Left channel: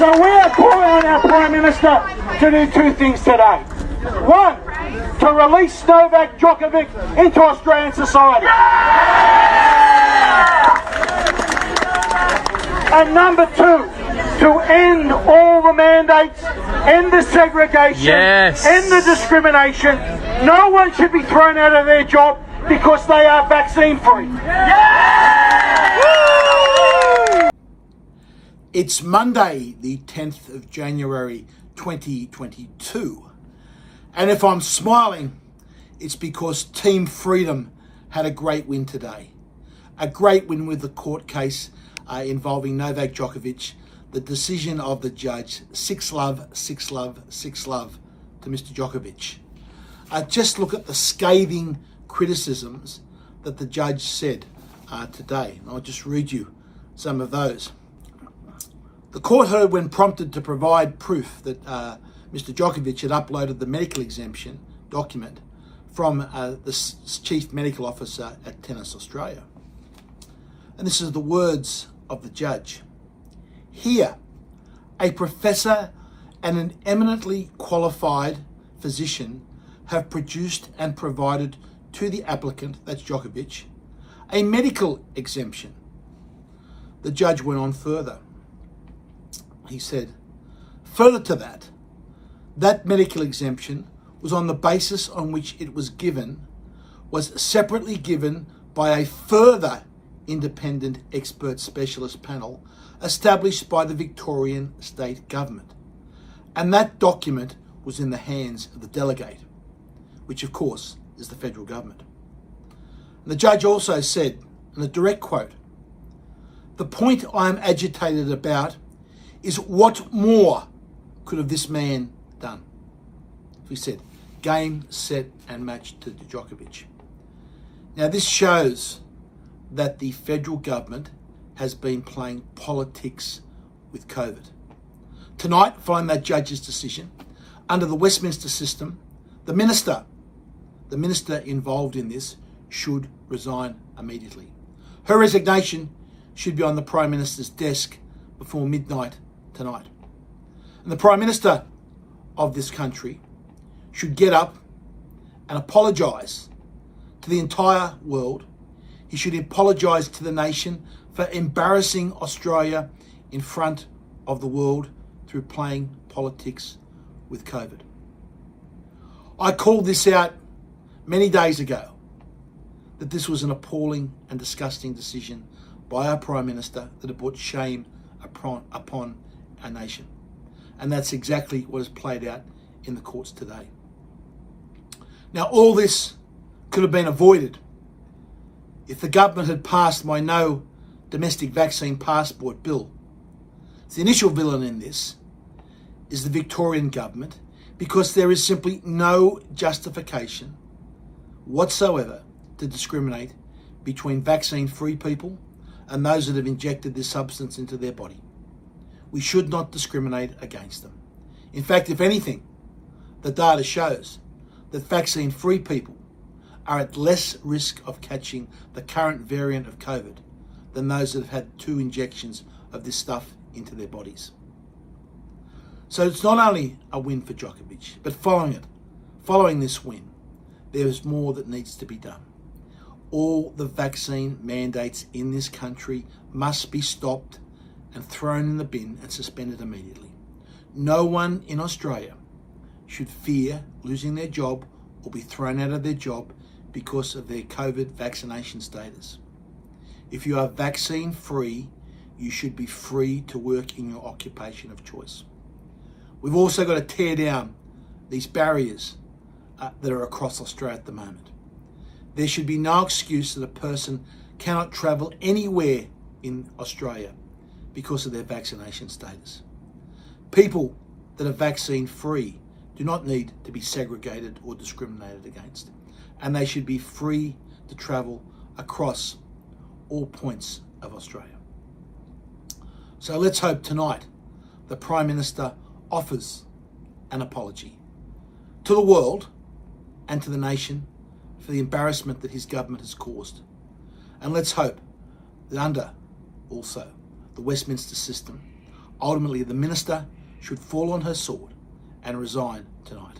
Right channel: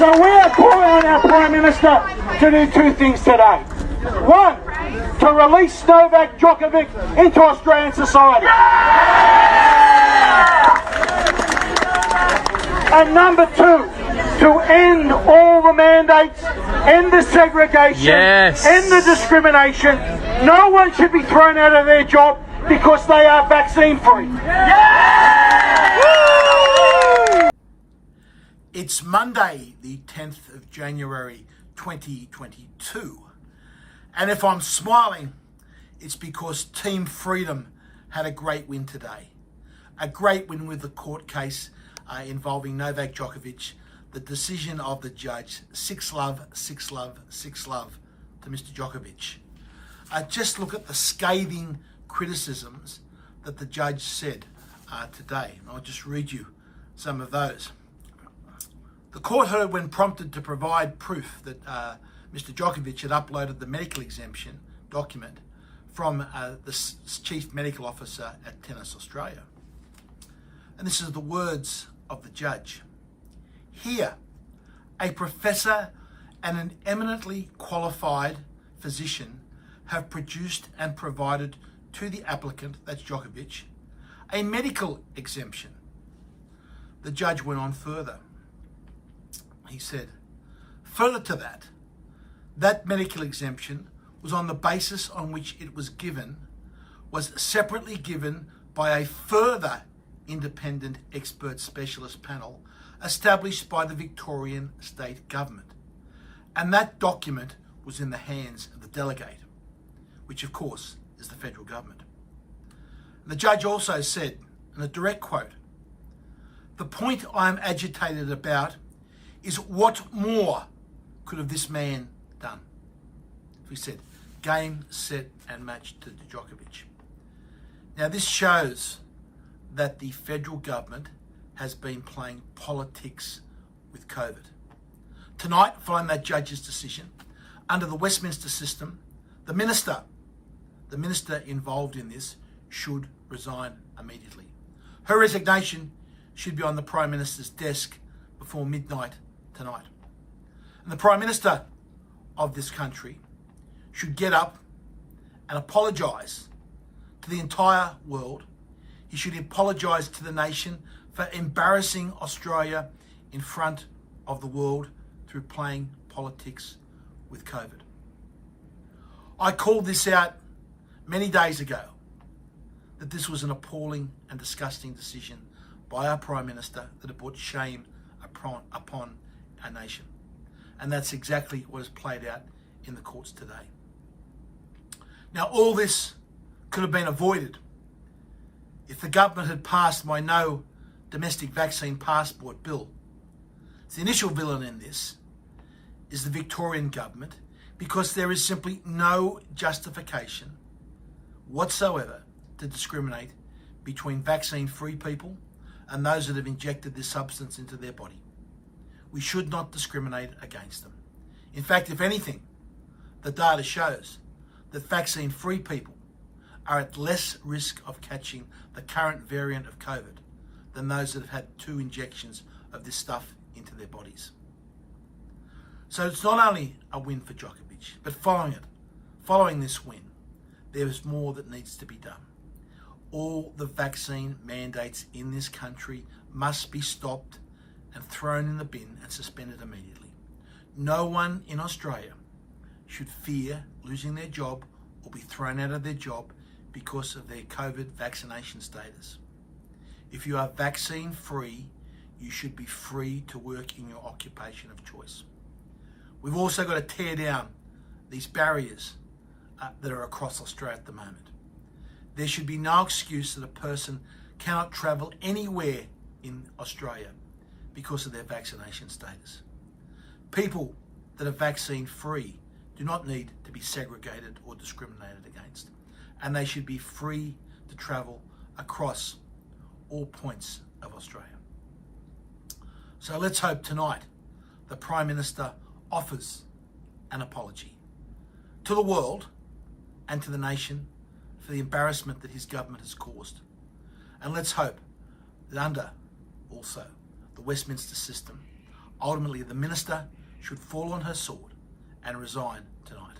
So we are calling on our Prime Minister to do two things today. One, to release Novak Djokovic into Australian society. And number two, to end all the mandates, end the segregation, end the discrimination. No one should be thrown out of their job because they are vaccine free. It's Monday, the 10th of January 2022. And if I'm smiling, it's because Team Freedom had a great win today. A great win with the court case involving Novak Djokovic. The decision of the judge, 6-love, 6-love, 6-love to Mr. Djokovic. Just look at the scathing criticisms that the judge said today. And I'll just read you some of those. The court heard when prompted to provide proof that Mr. Djokovic had uploaded the medical exemption document from the Chief Medical Officer at Tennis Australia. And this is the words of the judge. Here, a professor and an eminently qualified physician have produced and provided to the applicant, that's Djokovic, a medical exemption. The judge went on further. He said, further to that, that medical exemption was on the basis on which it was given, was separately given by a further independent expert specialist panel established by the Victorian state government. And that document was in the hands of the delegate, which of course is the federal government. And the judge also said, in a direct quote, the point I am agitated about is what more could have this man done? He said, game, set and match to Djokovic. Now this shows that the federal government has been playing politics with COVID. Tonight, following that judge's decision, under the Westminster system, the minister involved in this should resign immediately. Her resignation should be on the Prime Minister's desk before midnight tonight. And the Prime Minister of this country should get up and apologise to the entire world. He should apologise to the nation for embarrassing Australia in front of the world through playing politics with COVID. I called this out many days ago, that this was an appalling and disgusting decision by our Prime Minister that had brought shame upon our nation. And that's exactly what has played out in the courts today. Now, all this could have been avoided if the government had passed my no domestic vaccine passport bill. The initial villain in this is the Victorian government, because there is simply no justification whatsoever to discriminate between vaccine-free people and those that have injected this substance into their body. We should not discriminate against them. In fact, if anything, the data shows that vaccine-free people are at less risk of catching the current variant of COVID than those that have had 2 injections of this stuff into their bodies. So it's not only a win for Djokovic, but following this win, there is more that needs to be done. All the vaccine mandates in this country must be stopped and thrown in the bin and suspended immediately. No one in Australia should fear losing their job or be thrown out of their job because of their COVID vaccination status. If you are vaccine free, you should be free to work in your occupation of choice. We've also got to tear down these barriers that are across Australia at the moment. There should be no excuse that a person cannot travel anywhere in Australia because of their vaccination status. People that are vaccine free do not need to be segregated or discriminated against, and they should be free to travel across all points of Australia. So let's hope tonight the Prime Minister offers an apology to the world and to the nation for the embarrassment that his government has caused. And let's hope that under also the Westminster system, Ultimately, the minister should fall on her sword and resign tonight.